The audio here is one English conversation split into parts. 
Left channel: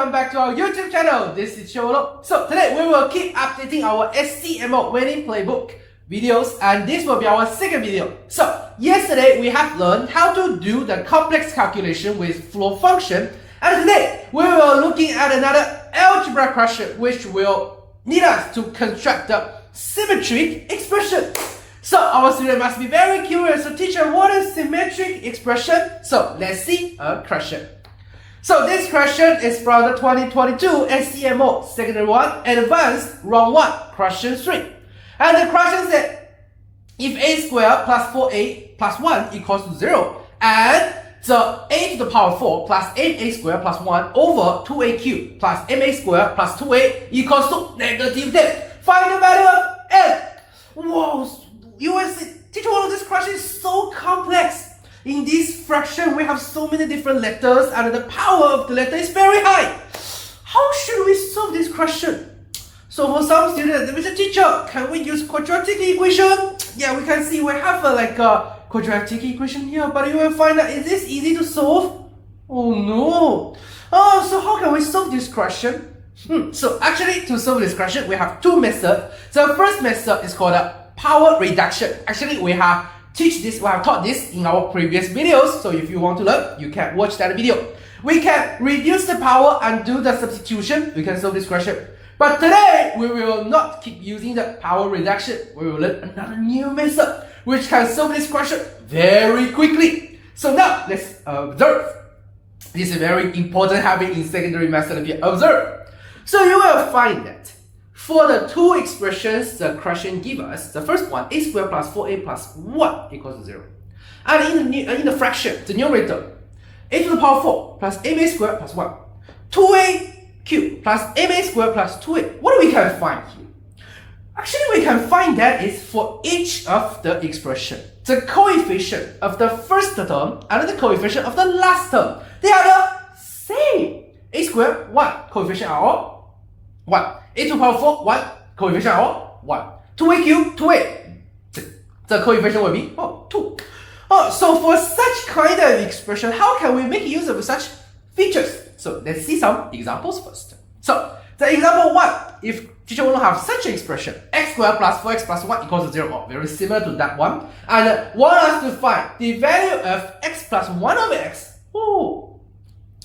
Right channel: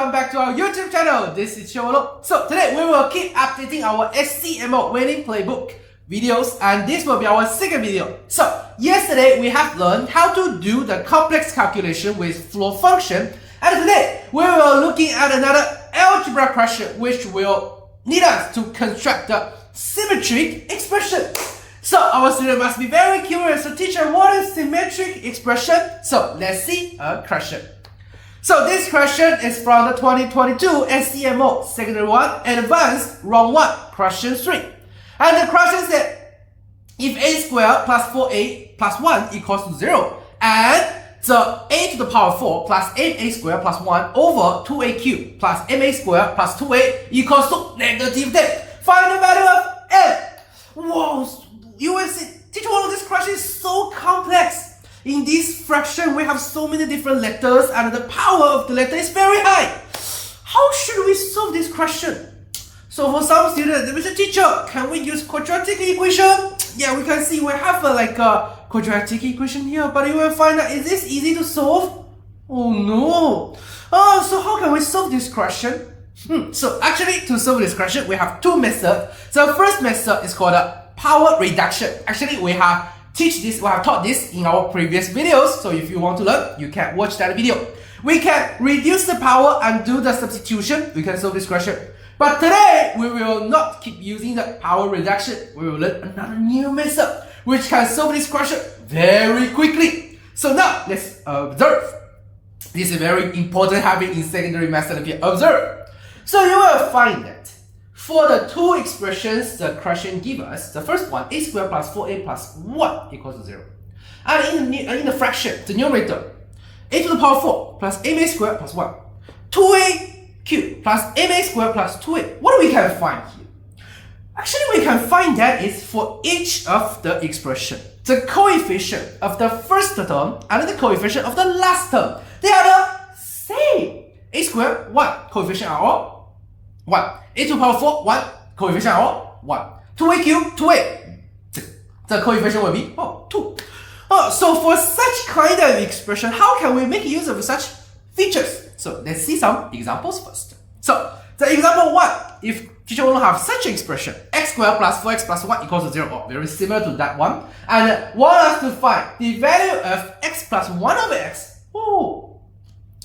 welcome back to our YouTube channel. This is Cholo. So today we will keep updating our SCMO Winning Playbook videos, and this will be our second video. So yesterday we have learned how to do the complex calculation with flow function, and today we will looking at another algebra question which will need us to construct the symmetric expression. So our student must be very curious. So teacher, what is symmetric expression? So let's see a question. So this question is from the 2022 SCMO Secondary 1 Advanced Round 1 Question 3. And the question said, if a squared plus 4a plus 1 equals to 0, and the a to the power 4 plus 8a squared plus 1 over 2a cubed plus ma squared plus 2a equals to negative 10. Find the value of n. Whoa, you will see, teacher, this question is so complex. In this fraction, we have so many different letters and the power of the letter is very high. How should we solve this question? So for some students, they say, teacher, can we use quadratic equation? Yeah, we can see we have a quadratic equation here, but you will find out, is this easy to solve? Oh no. Oh, so how can we solve this question? So actually, to solve this question, we have two methods. The first method is called power reduction. Actually, we have taught this in our previous videos, so if you want to learn, you can watch that video. We can reduce the power and do the substitution. We can solve this question. But today, we will not keep using the power reduction. We will learn another new method which can solve this question very quickly. So now, let's observe. This is very important habit in secondary math Olympiad. Observe. So you will find that for the two expressions the question gives us, the first one, a squared plus 4a plus 1 equals to 0. And in the fraction, the numerator, a to the power 4 plus ma squared plus 1. 2a cubed plus ma squared plus 2a. What we can find here? Actually, we can find that is for each of the expression, the coefficient of the first term and the coefficient of the last term, they are the same. A squared, 1. Coefficient are all 1. A to the power 4, 1. Coefficient are all 1. 2a cubed, 2a. The coefficient will be 2. So for such kind of expression, how can we make use of such features? So let's see some examples first. So the example 1, if teacher want to have such expression, x squared plus 4x plus 1 equals to 0, very similar to that one, and want us to find the value of x plus 1 over x.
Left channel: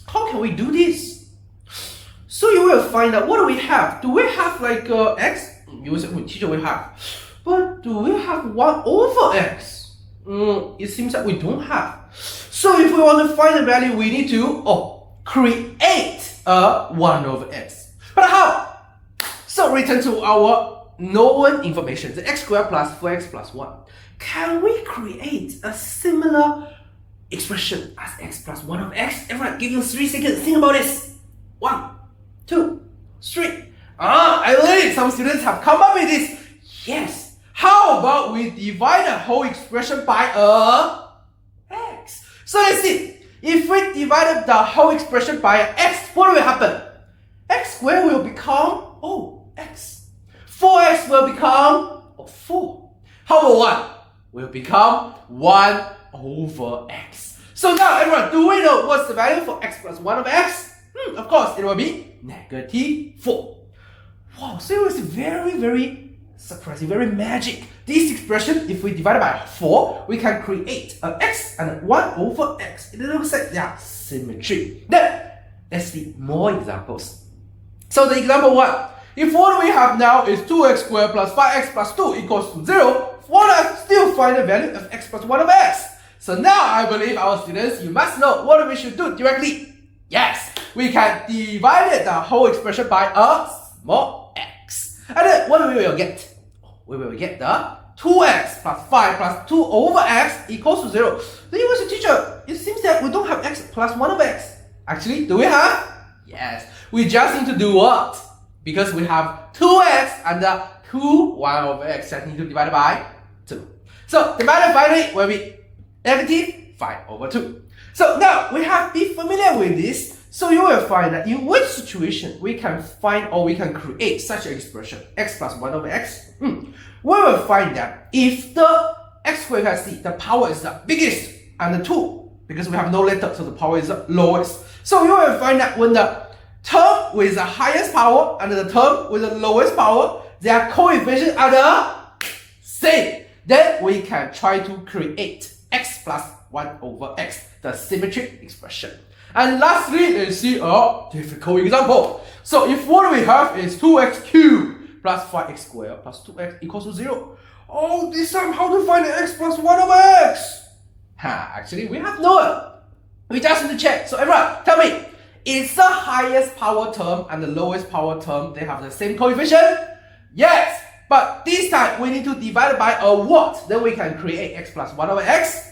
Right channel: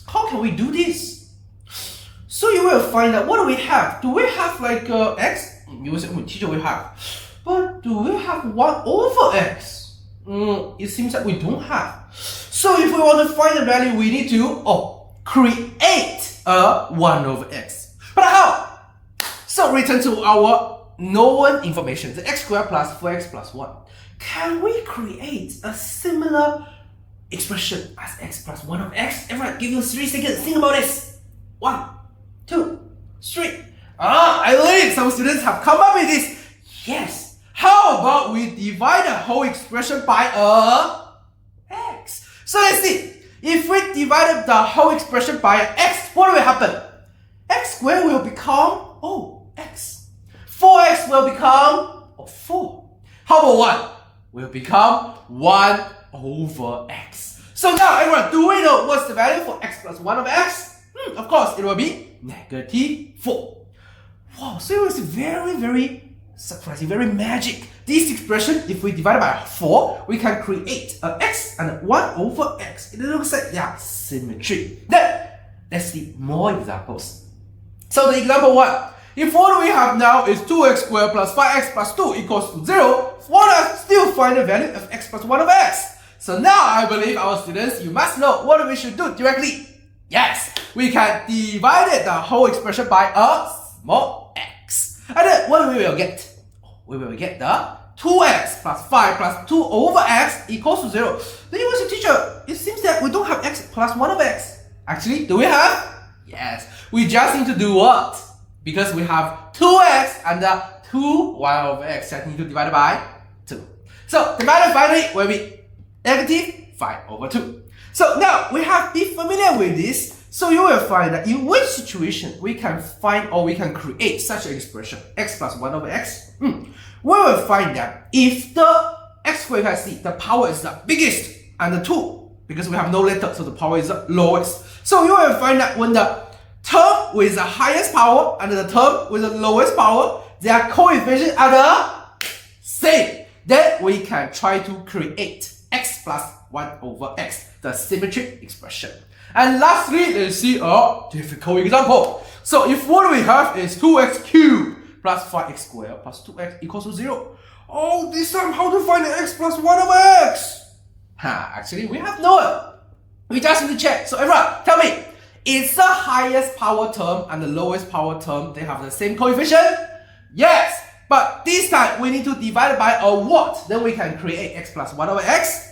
How can we do this? So you will find out, what do we have? Do we have x? You will say, teacher, we have. But do we have 1 over x? It seems that we don't have. So if we want to find the value, we need to create a 1 over x. But how? So return to our known information, the x squared plus 4x plus 1. Can we create a similar expression as x plus 1 over x? Everyone, give you 3 seconds. Think about this. 1, 2, 3. I believe some students have come up with this. Yes. How about we divide the whole expression by x? So let's see. If we divided the whole expression by x, what will happen? X squared will become x. 4x will become 4. How about 1? Will become 1 over x. So now everyone, do we know what's the value for x plus 1 over x? Of course, it will be negative 4. Wow, so it was very, very surprising, very magic. This expression, if we divide it by 4, we can create an x and a 1 over x. It looks like they are symmetry. Then, let's see more examples. So the example 1, if what we have now is 2x squared plus 5x plus 2 equals to 0, want to still find the value of x plus 1 over x. So now I believe our students, you must know what we should do directly. Yes, we can divide the whole expression by a small x. And then what we will get? We will get the 2x plus 5 plus 2 over x equals to 0. Then you will say, teacher, it seems that we don't have x plus 1 over x. Actually, do we have? Yes. We just need to do what? Because we have 2x and the 1 over x that need to divide by 2. So the value finally will be negative 5 over 2. So now we have to be familiar with this. So you will find that in which situation we can find or we can create such an expression, x plus 1 over x. We will find that if the x squared, you can see the power is the biggest and the 2, because we have no letter, so the power is the lowest. So you will find that when the term with the highest power and the term with the lowest power, their coefficients are the same. Then we can try to create x plus 1 over x, the symmetric expression. And lastly, let's see a difficult example. So if what we have is 2x cubed plus 5x squared plus 2x equals to 0. Oh, this time how to find the x plus 1 over x? Actually, we have no one. We just need to check. So everyone, tell me, is the highest power term and the lowest power term, they have the same coefficient? Yes, but this time we need to divide it by a what? Then we can create x plus 1 over x.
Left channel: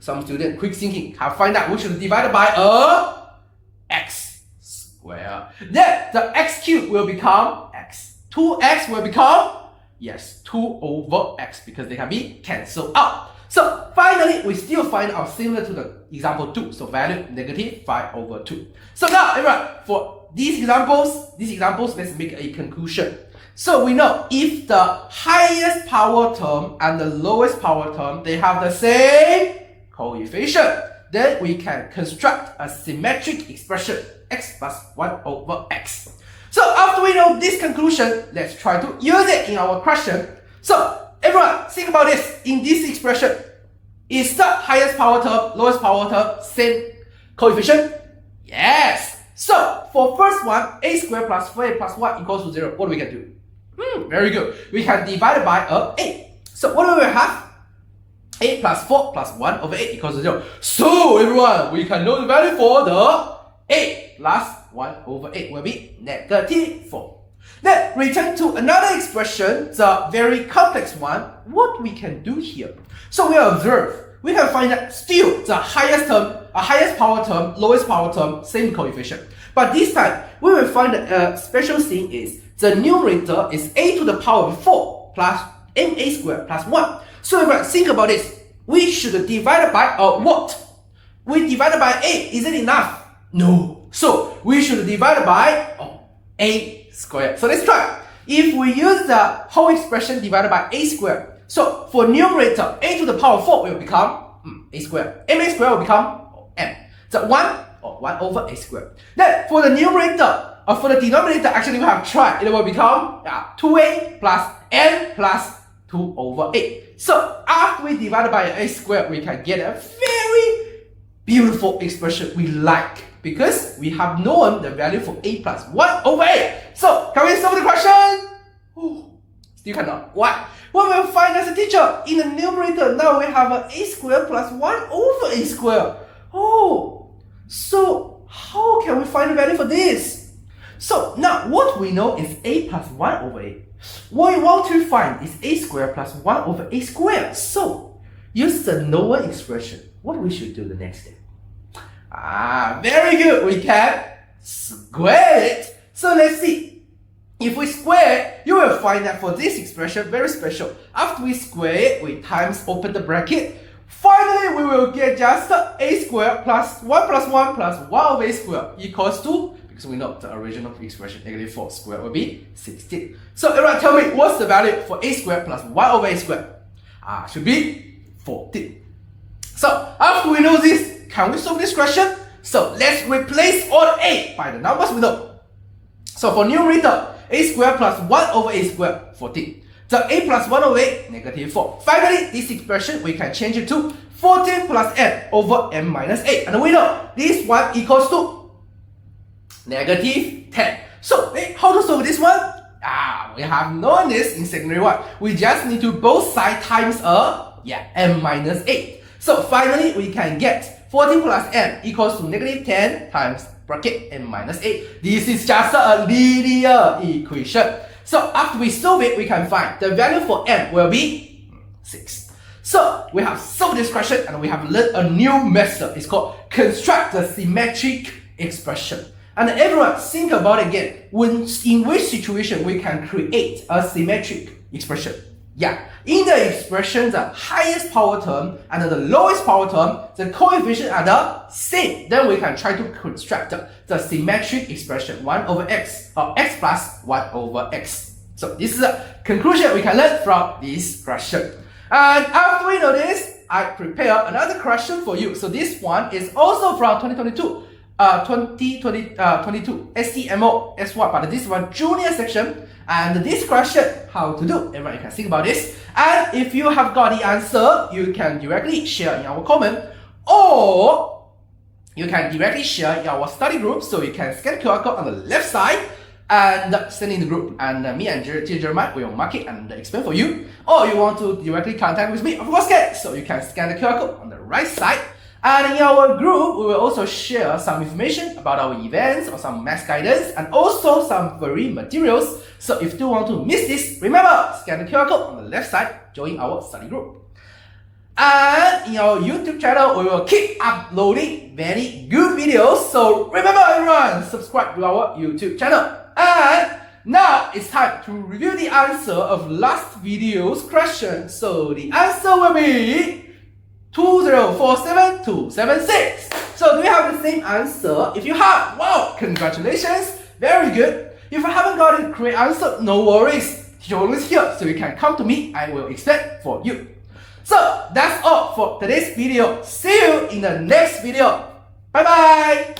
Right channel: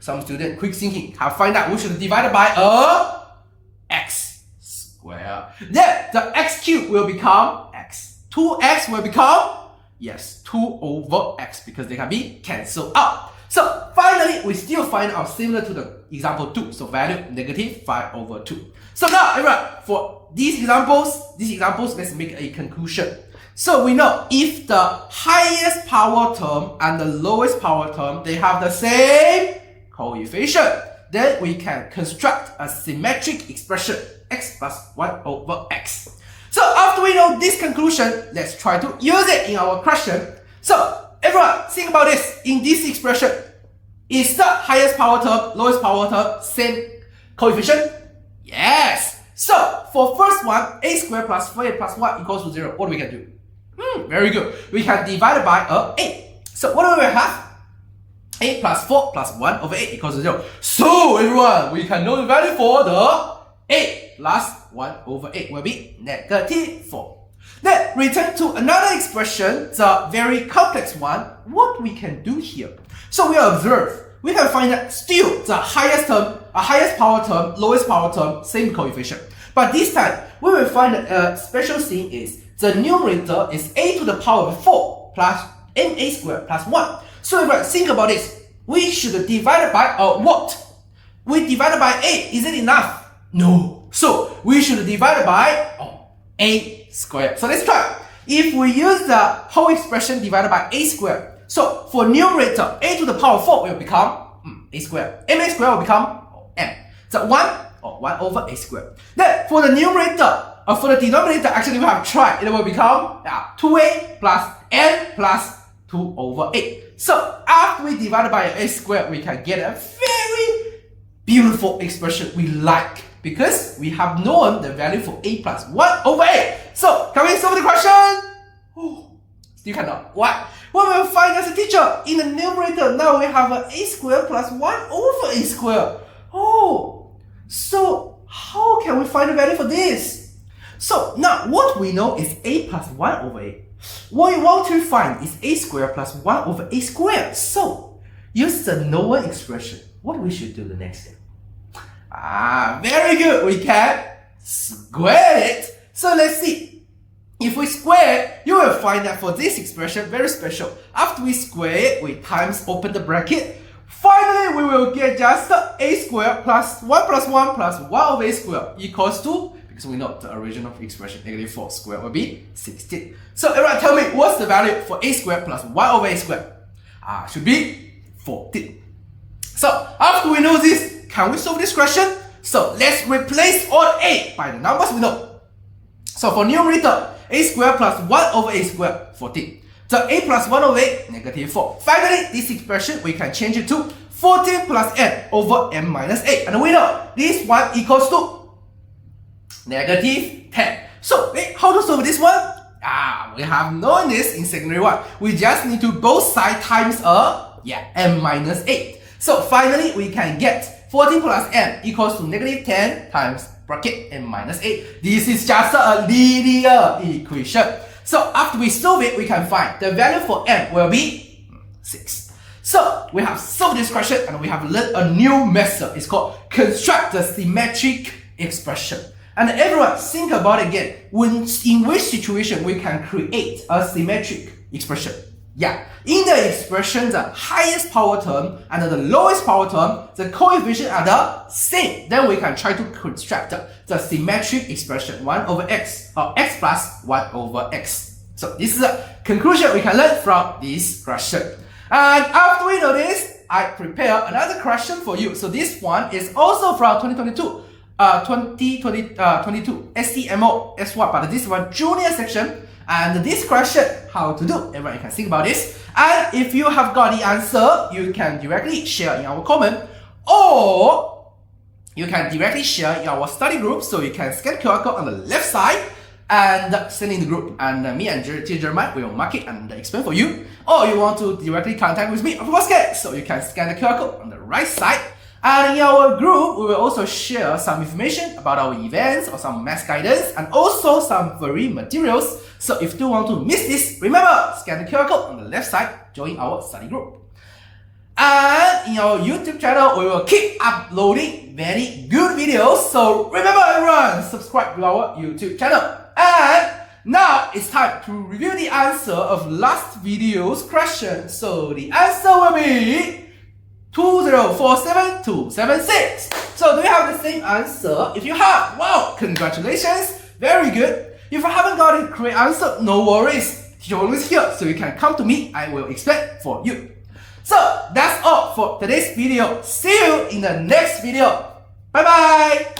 Some student quick thinking have find out we should divide it by a x squared. Then the x cubed will become x. 2x will become, yes, 2 over x because they can be cancelled out. So finally, we still find out similar to the example 2. So value negative 5 over 2. So now, everyone, for these examples, let's make a conclusion. So we know if the highest power term and the lowest power term, they have the same coefficient, then we can construct a symmetric expression, x plus 1 over x. So after we know this conclusion, let's try to use it in our question. So everyone, think about this. In this expression, is the highest power term, lowest power term, same coefficient? Yes. So for first one, a squared plus 4a plus 1 equals to 0. What we can do? Very good. We can divide it by a. So what do we have? A plus 4 plus 1 over 8 equals to 0. So everyone, we can know the value for the a plus 1 over 8 will be negative 4. Then return to another expression, the very complex one. What we can do here? So we observe, we can find that still the highest term, highest power term, lowest power term, same coefficient. But this time, we will find that a special thing is the numerator is a to the power of 4 plus ma squared plus 1. So if I think about this, we should divide it by a what? We divided by a, is it enough? No. So we should divide it by a squared. So let's try. If we use the whole expression divided by a squared, so for numerator, a to the power of 4 will become a squared. Ma squared will become m. So 1 over a squared. Then for the numerator, for the denominator, actually we have tried. It will become 2a plus n plus 2 over 8. So after we divide by a squared, we can get a very beautiful expression we like, because we have known the value for a plus 1 over 8. So can we solve the question? Still cannot. Why? What will find as a teacher? In the numerator, now we have a squared plus 1 over a squared. So how can we find the value for this? So now what we know is a plus 1 over 8. What we want to find is a squared plus 1 over a squared. So use the known expression. What we should do the next step? Very good. We can square it. So let's see. If we square it, you will find that for this expression, very special. After we square it, we times open the bracket. Finally, we will get just a squared plus 1 plus 1 plus 1 over a squared equals to, because we know the original expression, negative 4 squared will be 16. So everyone tell me, what's the value for a squared plus 1 over a squared? Should be 14. So after we know this, can we solve this question? So let's replace all a by the numbers we know. So for numerator, a squared plus 1 over a squared, 14. So a plus 1 over 8, negative 4. Finally, this expression, we can change it to 14 plus n over n minus 8. And we know this one equals to negative 10. So, how to solve this one? We have known this in secondary 1. We just need to both sides times n minus 8. So finally, we can get 14 plus n equals to negative 10 times bracket n minus 8. This is just a linear equation. So after we solve it, we can find the value for n will be 6. So we have solved this question and we have learned a new method. It's called construct the symmetric expression. And everyone think about it again. In which situation we can create a symmetric expression? In the expression, the highest power term and the lowest power term, the coefficient are the same. Then we can try to construct the symmetric expression 1 over x, or x plus 1 over x. So this is the conclusion we can learn from this question. And after we know this, I prepare another question for you. So this one is also from 2022. 2022 SCMO S1, but this one junior section. And this question, how to do? Everyone, you can think about this. And if you have got the answer, you can directly share in our comment, or you can directly share in our study group. So you can scan QR code on the left side and send in the group, and me and Jeremiah will mark it and explain for you. Or you want to directly contact with me, of course, so you can scan the QR code on the right side. And in our group, we will also share some information about our events or some math guidance and also some free materials. So if you don't want to miss this, remember, scan the QR code on the left side, join our study group. And in our YouTube channel, we will keep uploading many good videos. So remember everyone, subscribe to our YouTube channel. And now it's time to review the answer of last video's question. So the answer will be 2047276. So do you have the same answer? If you have, wow, congratulations, very good. If you haven't got a correct answer, no worries. Teacher always here, so you can come to me, I will explain for you. So that's all for today's video. See you in the next video. Bye bye.